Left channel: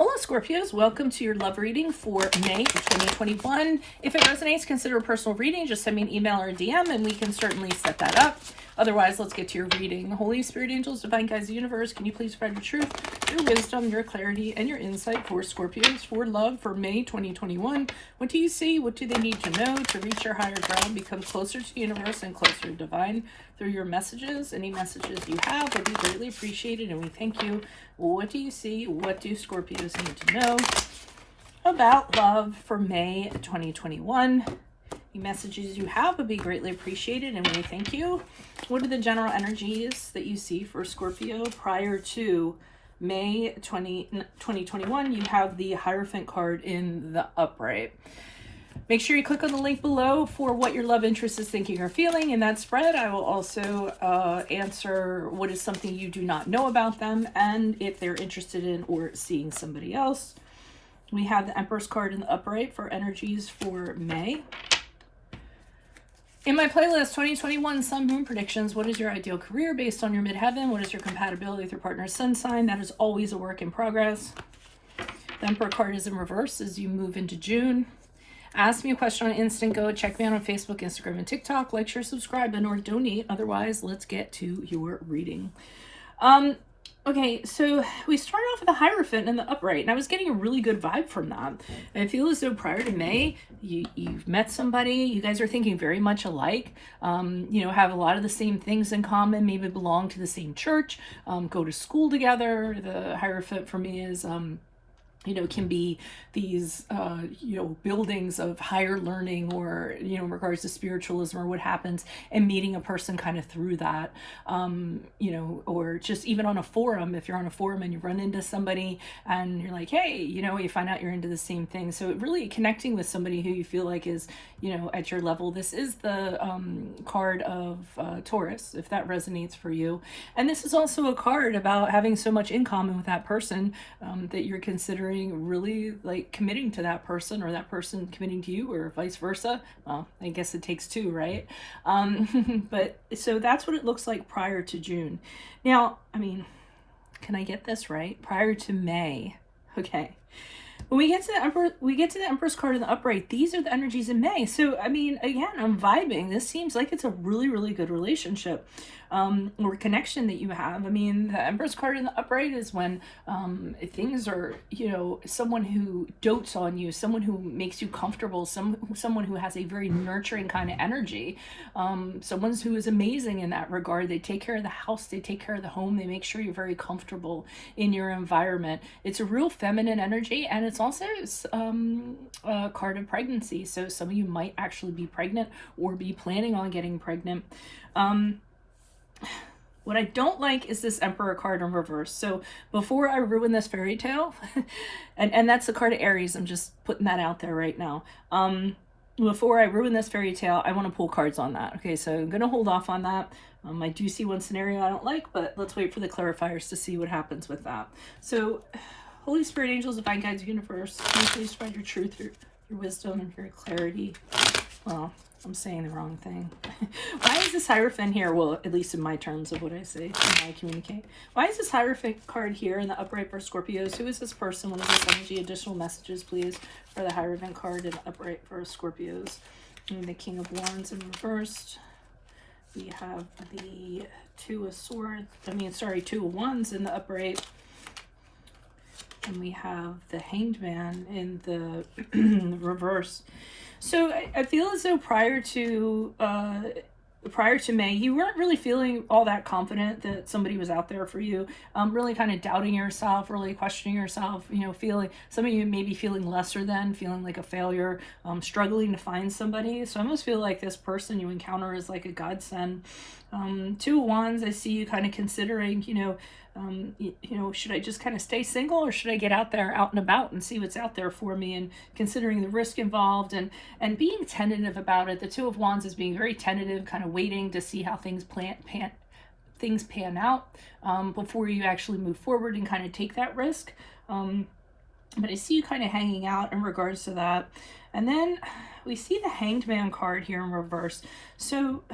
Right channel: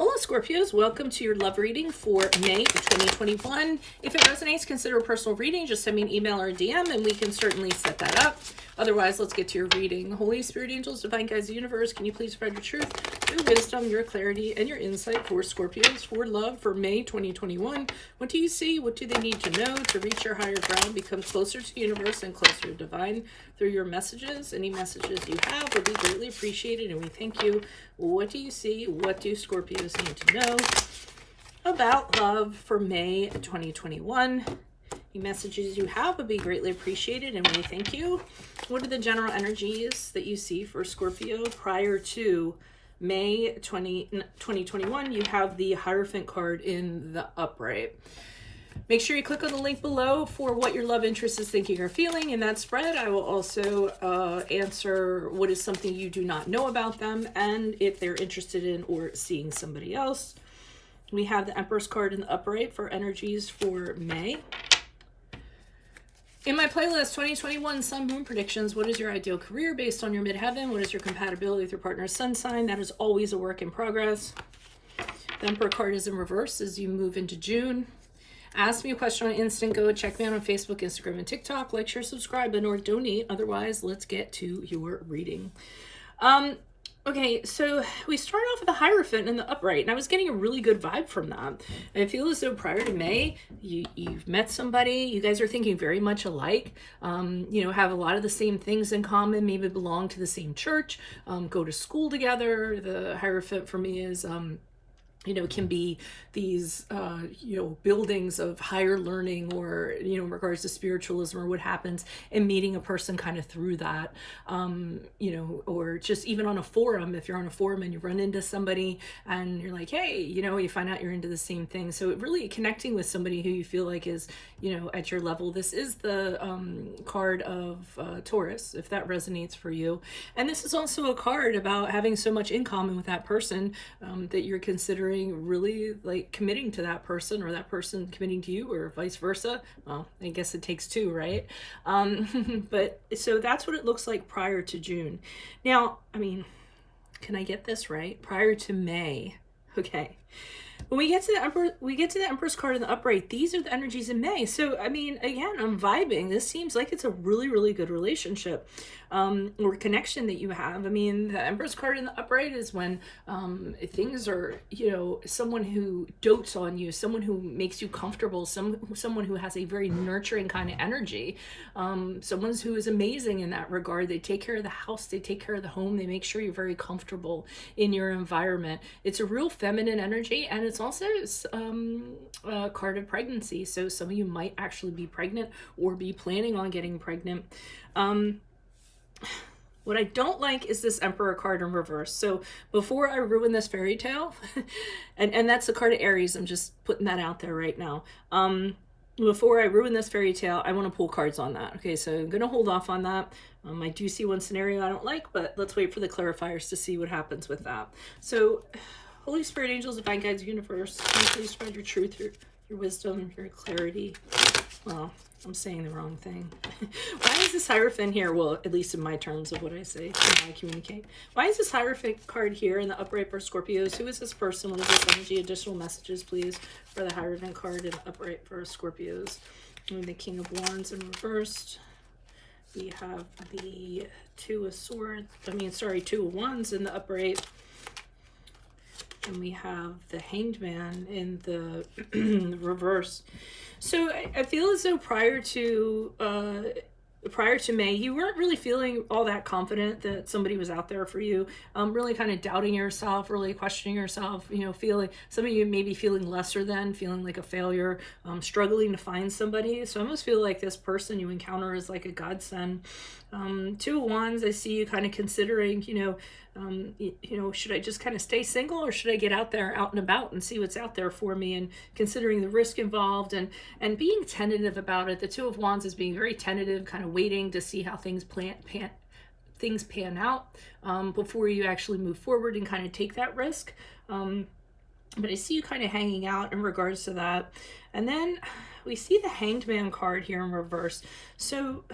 Hola Scorpios, welcome to your love reading for May 2021. If it resonates, consider a personal reading. Just send me an email or a DM and we can certainly set that up. Otherwise, let's get to your reading. Holy Spirit, angels, divine guides, the universe, can you please spread your truth, your wisdom, your clarity, and your insight for Scorpios for love for May 2021? What do you see? What do they need to know to reach their higher ground, become closer to the universe and closer to divine through your messages? Any messages you have would be greatly appreciated, and we thank you. What do you see? What do Scorpios need to know about love for May 2021? Any messages you have would be greatly appreciated, and we thank you. What are the general energies that you see for Scorpio prior to May 2021? You have the Hierophant card in the upright. Make sure you click on the link below for what your love interest is thinking or feeling in that spread. I will also answer what is something you do not know about them and if they're interested in or seeing somebody else. We have the Empress card in the upright for energies for May. In my playlist, 2021 Sun Moon Predictions, what is your ideal career based on your midheaven? What is your compatibility with your partner's sun sign? That is always a work in progress. The Emperor card is in reverse as you move into June. Ask me a question on Instant Go. Check me out on Facebook, Instagram, and TikTok. Like, share, subscribe, and or donate. Otherwise, let's get to your reading. Okay, so we start off with the Hierophant in the upright, and I was getting a really good vibe from that. I feel as though prior to May, you've met somebody, you guys are thinking very much alike, have a lot of the same things in common, maybe belong to the same church, go to school together. The Hierophant for me is... can be these, buildings of higher learning or, in regards to spiritualism or what happens and meeting a person kind of through that, or just even on a forum, if you're on a forum and you run into somebody and you're like, hey, you find out you're into the same thing. So really connecting with somebody who you feel like is, at your level. This is the card of Taurus, if that resonates for you. And this is also a card about having so much in common with that person that you're considering really like committing to that person or that person committing to you or vice versa. Well, I guess it takes two, right? But so that's what it looks like prior to June. Now, can I get this right? Prior to May. Okay. When we get to the Empress card in the upright, these are the energies in May. So, again, I'm vibing. This seems like it's a really, really good relationship or connection that you have. The Empress card in the upright is when things are, someone who dotes on you, someone who makes you comfortable, someone who has a very nurturing kind of energy, someone who is amazing in that regard. They take care of the house, they take care of the home, they make sure you're very comfortable in your environment. It's a real feminine energy, and it's also a card of pregnancy. So some of you might actually be pregnant or be planning on getting pregnant. What I don't like is this Emperor card in reverse. So before I ruin this fairy tale, and that's the card of Aries, I'm just putting that out there right now. Before I ruin this fairy tale, I want to pull cards on that. Okay, so I'm going to hold off on that. I do see one scenario I don't like, but let's wait for the clarifiers to see what happens with that. So, Holy Spirit, angels, divine guides, universe, can you please spread your truth, your wisdom, your clarity. Well, I'm saying the wrong thing. Why is this Hierophant here? Well, at least in my terms of what I say, when I communicate. Why is this Hierophant card here in the upright for Scorpios? Who is this person? What is this energy? Additional messages, please, for the Hierophant card in the upright for Scorpios. And the King of Wands in reversed. We have the Two of Wands in the upright. And we have the Hanged Man in the reverse. So I feel as though prior to May, you weren't really feeling all that confident that somebody was out there for you. Really kind of doubting yourself, really questioning yourself. Feeling, some of you may be feeling lesser than, feeling like a failure, struggling to find somebody. So I almost feel like this person you encounter is like a godsend. Two of Wands, I see you kind of considering, should I just kind of stay single or should I get out there, out and about and see what's out there for me, and considering the risk involved and being tentative about it. The Two of Wands is being very tentative, kind of waiting to see how things pan out before you actually move forward and kind of take that risk. But I see you kind of hanging out in regards to that. And then we see the Hanged Man card here in reverse. So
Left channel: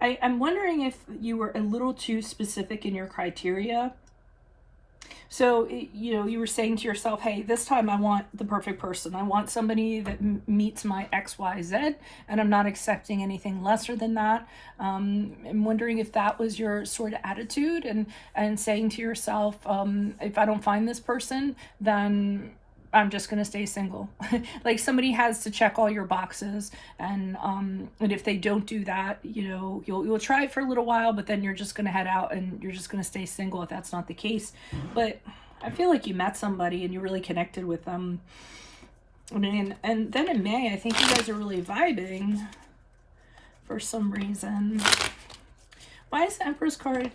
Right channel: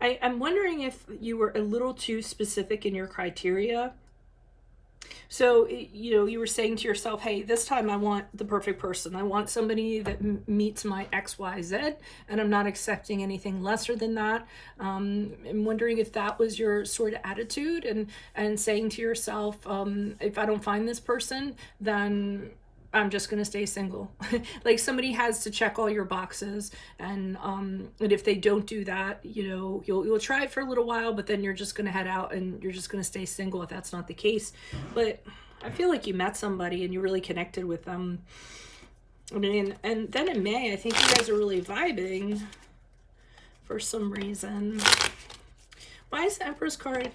I'm wondering if you were a little too specific in your criteria. So, you know, you were saying to yourself, hey, this time I want the perfect person. I want somebody that meets my XYZ, and I'm not accepting anything lesser than that. I'm wondering if that was your sort of attitude, and saying to yourself, if I don't find this person, then I'm just going to stay single. Like somebody has to check all your boxes, and if they don't do that, you know, you'll try it for a little while, but then you're just going to head out and you're just going to stay single if that's not the case. But I feel like you met somebody and you really connected with them. I mean, and then in May, I think you guys are really vibing for some reason. Why is the Empress card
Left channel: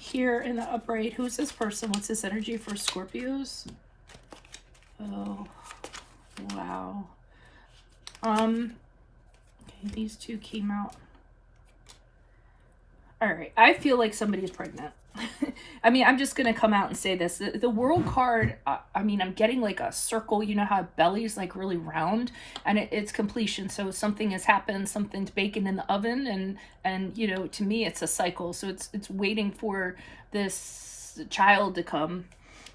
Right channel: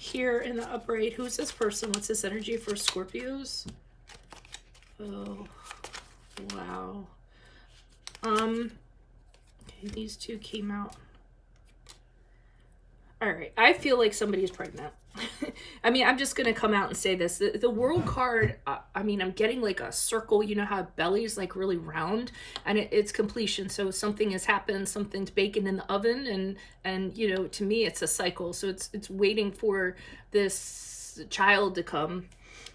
here in the upright? Who's this person? What's this energy for Scorpios? Oh, wow. Okay, these two came out. All right, I feel like somebody's pregnant. I mean, I'm just going to come out and say this. The World card, I mean, I'm getting like a circle. You know how belly is like really round, and it's completion. So something has happened, something's baking in the oven, and you know, to me, it's a cycle. So it's waiting for this child to come.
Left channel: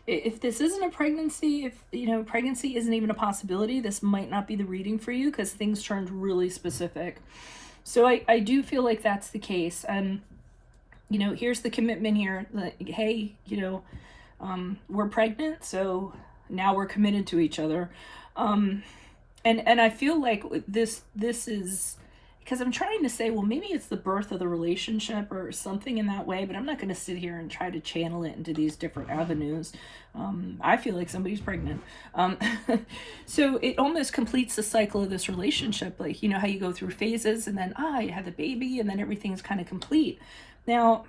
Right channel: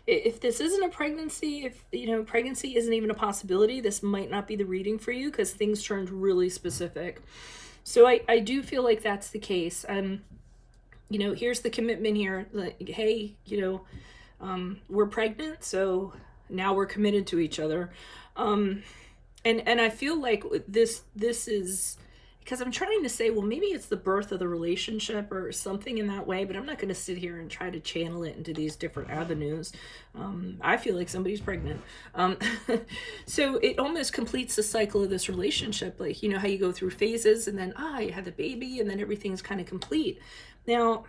If this isn't a pregnancy, if, you know, pregnancy isn't even a possibility, this might not be the reading for you because things turned really specific. So I do feel like that's the case. And, you know, here's the commitment here. Like, hey, you know, we're pregnant, so now we're committed to each other. And I feel like this is... because I'm trying to say, well, maybe it's the birth of the relationship or something in that way, but I'm not going to sit here and try to channel it into these different avenues. I feel like somebody's pregnant. So it almost completes the cycle of this relationship. Like, you know how you go through phases and then, you had the baby and then everything's kind of complete. Now,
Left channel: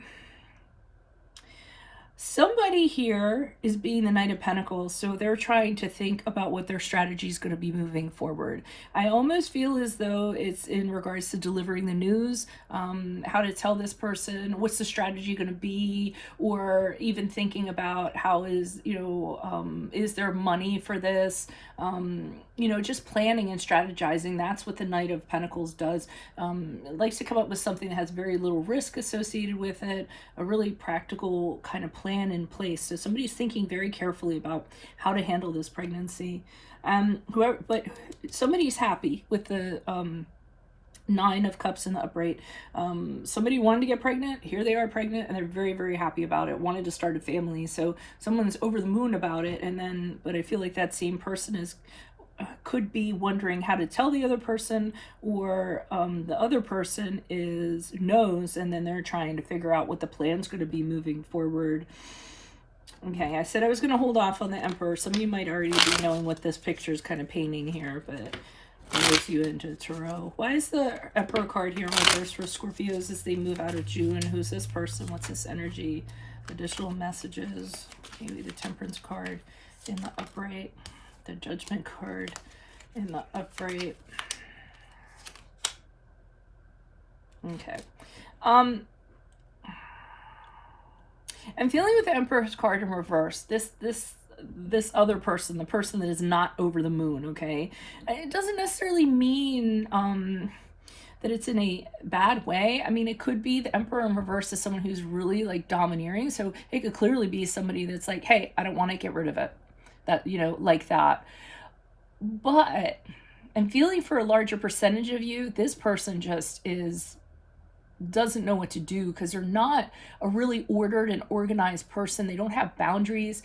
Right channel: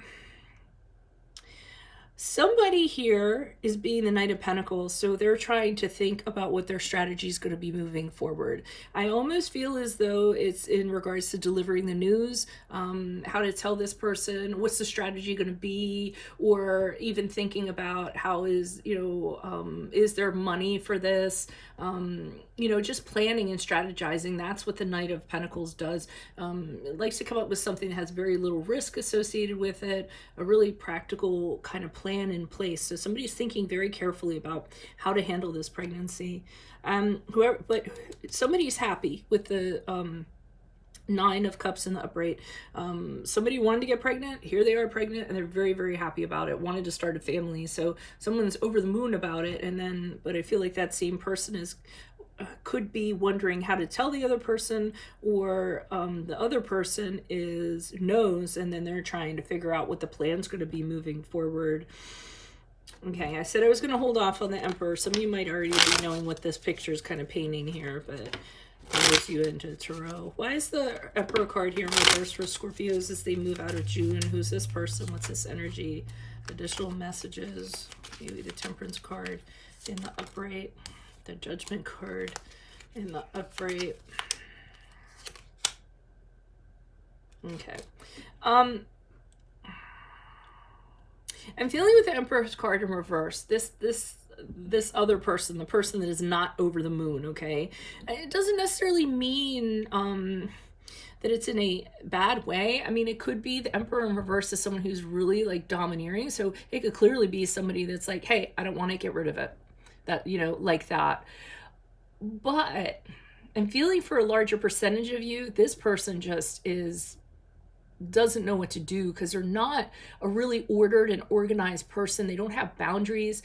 somebody here is being the Knight of Pentacles, so they're trying to think about what their strategy is going to be moving forward. I almost feel as though it's in regards to delivering the news, how to tell this person, what's the strategy going to be, or even thinking about how is, you know, is there money for this? You know, just planning and strategizing. That's what the Knight of Pentacles does. It likes to come up with something that has very little risk associated with it, a really practical kind of plan in place. So somebody's thinking very carefully about how to handle this pregnancy. But somebody's happy with the Nine of Cups in the upright. Somebody wanted to get pregnant. Here they are pregnant, and they're very, very happy about it. Wanted to start a family. So someone's over the moon about it. And then, but I feel like that same person is could be wondering how to tell the other person, or the other person knows, and then they're trying to figure out what the plan's going to be moving forward. Okay, I said I was going to hold off on the Emperor. Some of you might already be knowing what this picture is kind of painting here, but moves you into Tarot. Why is the Emperor card here in reverse for Scorpios as they move out of June? Who's this person? What's this energy? Additional messages. Maybe the Temperance card in the upright. The Judgment card in the upright. Okay. I'm feeling with the Emperor's card in reverse. This other person, the person that is not over the moon, okay? It doesn't necessarily mean that it's in a bad way. I mean, it could be the Emperor in reverse is someone who's really like domineering. So it could clearly be somebody that's like, hey, I don't want to get rid of it. That, you know, like that. But I'm feeling for a larger percentage of you, this person just doesn't know what to do because they're not a really ordered and organized person. They don't have boundaries.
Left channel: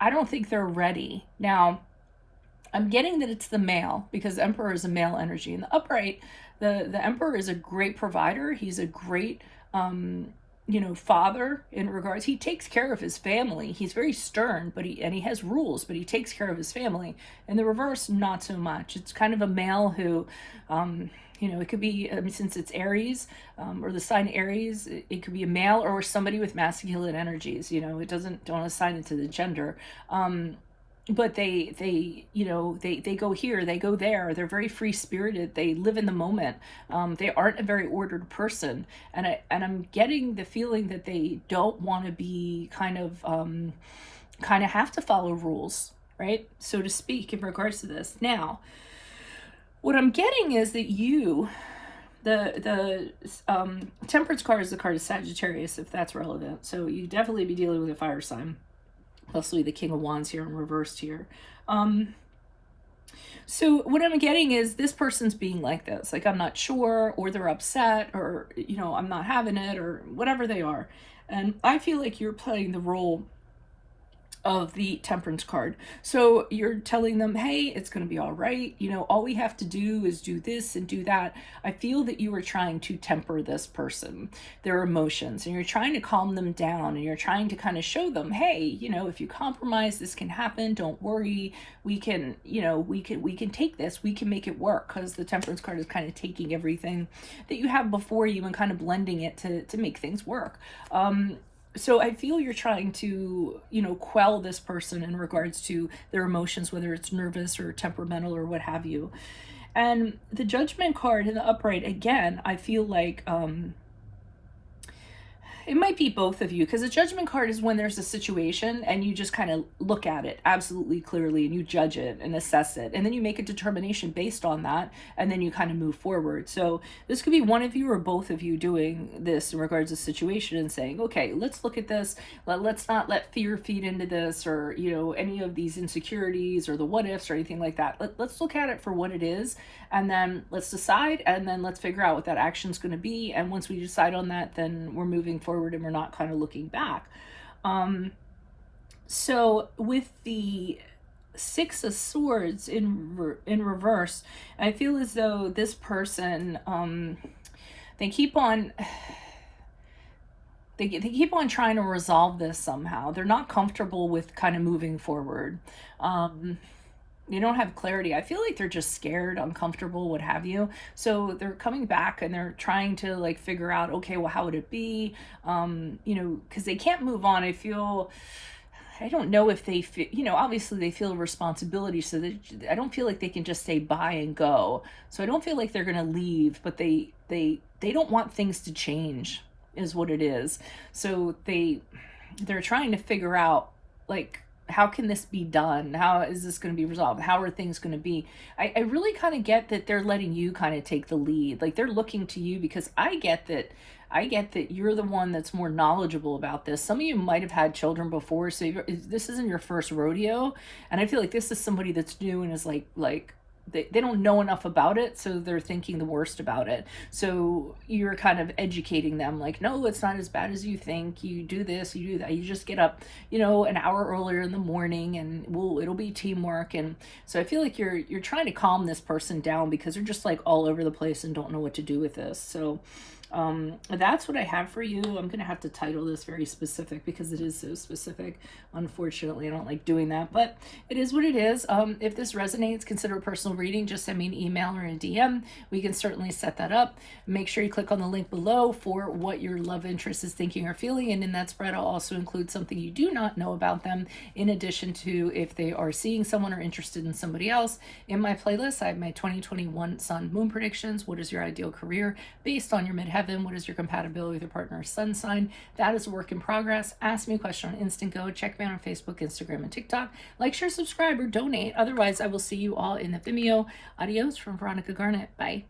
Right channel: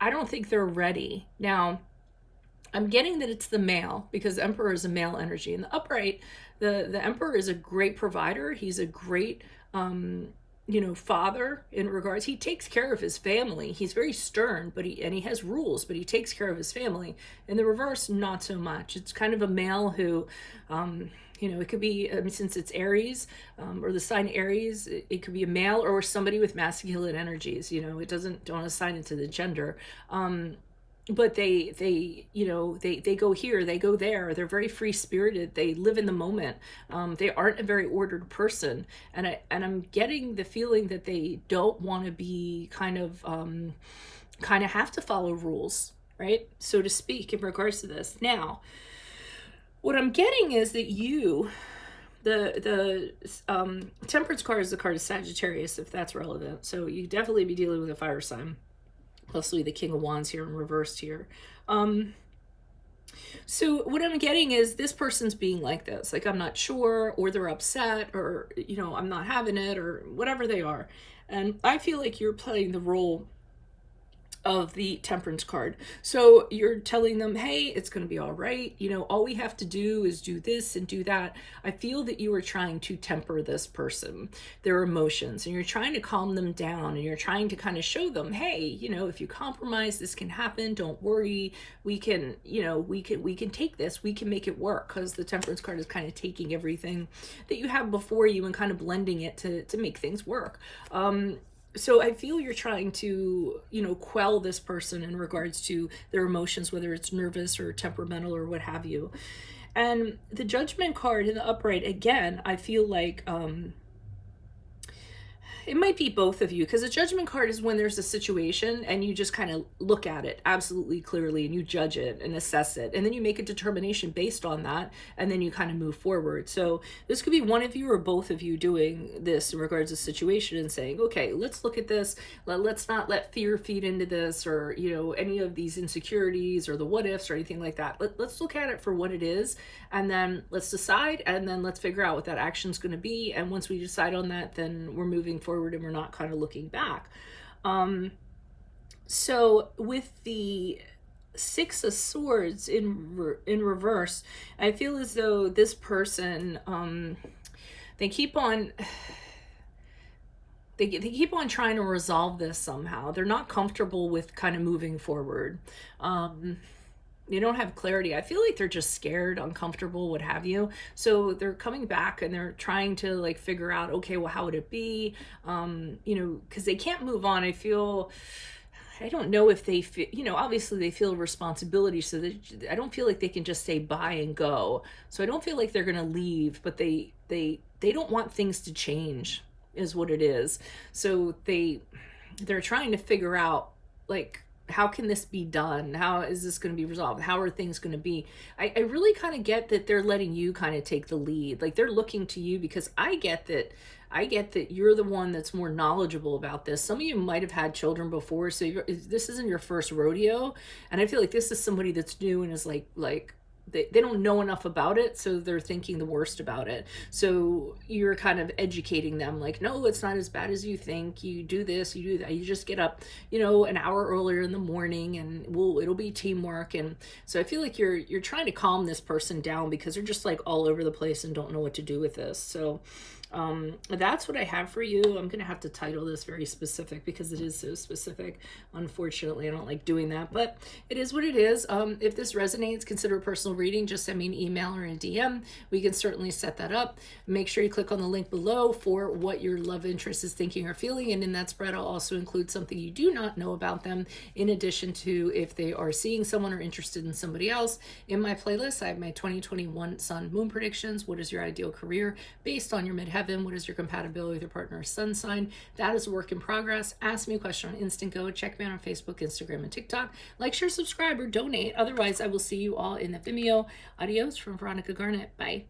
I don't think they're ready. Now, I'm getting that it's the male because the Emperor is a male energy. In the upright, the Emperor is a great provider. He's a great, you know, father in regards. He takes care of his family. He's very stern, but he has rules, but he takes care of his family. In the reverse, not so much. It's kind of a male who, you know, it could be, since it's Aries, or the sign Aries, it could be a male or somebody with masculine energies. You know, don't assign it to the gender. But they you know, they go here, they go there. They're very free spirited. They live in the moment. They aren't a very ordered person, and I'm getting the feeling that they don't want to be kind of have to follow rules, right, so to speak, in regards to this. Now, what I'm getting is that the Temperance card is the card of Sagittarius, if that's relevant. So you definitely be dealing with a fire sign. Leslie, the King of Wands here in reversed here. So what I'm getting is this person's being like this, like I'm not sure, or they're upset, or, you know, I'm not having it, or whatever they are. And I feel like you're playing the role of the Temperance card. So you're telling them, hey, it's going to be all right. You know, all we have to do is do this and do that. I feel that you are trying to temper this person, their emotions, and you're trying to calm them down, and you're trying to kind of show them, hey, you know, if you compromise, this can happen. Don't worry. We can, you know, we can take this, we can make it work, because the Temperance card is kind of taking everything that you have before you and kind of blending it to make things work. So I feel you're trying to, you know, quell this person in regards to their emotions, whether it's nervous or temperamental or what have you. And the Judgment card in the upright, again, I feel like it might be both of you, because the Judgment card is when there's a situation and you just kind of look at it absolutely clearly and you judge it and assess it, and then you make a determination based on that, and then you kind of move forward. So this could be one of you or both of you doing this in regards to the situation and saying, okay, let's look at this. Let's not let fear feed into this, or, you know, any of these insecurities or the what ifs or anything like that. Let's look at it for what it is, and then let's decide, and then let's figure out what that action is going to be. And once we decide on that, then we're moving forward and we're not kind of looking back. So with the Six of Swords in reverse, I feel as though this person, they keep on trying to resolve this somehow. They're not comfortable with kind of moving forward. They don't have clarity. I feel like they're just scared, uncomfortable, what have you. So they're coming back and they're trying to like figure out, okay, well, how would it be? You know, because they can't move on. I don't know if they feel, you know, obviously they feel responsibility. So I don't feel like they can just say bye and go. So I don't feel like they're going to leave, but they don't want things to change is what it is. So they're trying to figure out, like, how can this be done? How is this going to be resolved? How are things going to be? I really kind of get that they're letting you kind of take the lead. Like, they're looking to you, because I get that you're the one that's more knowledgeable about this. Some of you might have had children before, so this isn't your first rodeo. And I feel like this is somebody that's new and is like they don't know enough about it, so they're thinking the worst about it. So you're kind of educating them, like, no, it's not as bad as you think. You do this, you do that. You just get up, you know, an hour earlier in the morning, and it'll be teamwork. And so I feel like you're trying to calm this person down, because they're just like all over the place and don't know what to do with this. So that's what I have for you. I'm going to have to title this very specific, because it is so specific. Unfortunately, I don't like doing that, but it is what it is. If this resonates, consider a personal reading. Just send me an email or a DM. We can certainly set that up. Make sure you click on the link below for what your love interest is thinking or feeling. And in that spread, I'll also include something you do not know about them, in addition to if they are seeing someone or interested in somebody else. In my playlist, I have my 2021 Sun Moon predictions. What is your ideal career based on your midheaven? What is your compatibility with your partner's sun sign? That is a work in progress. Ask me a question on Instant Go. Check me out on Facebook, Instagram, and TikTok. Like, share, subscribe, or donate. Otherwise, I will see you all in the Vimeo. Adios from Veronica Garnett. Bye.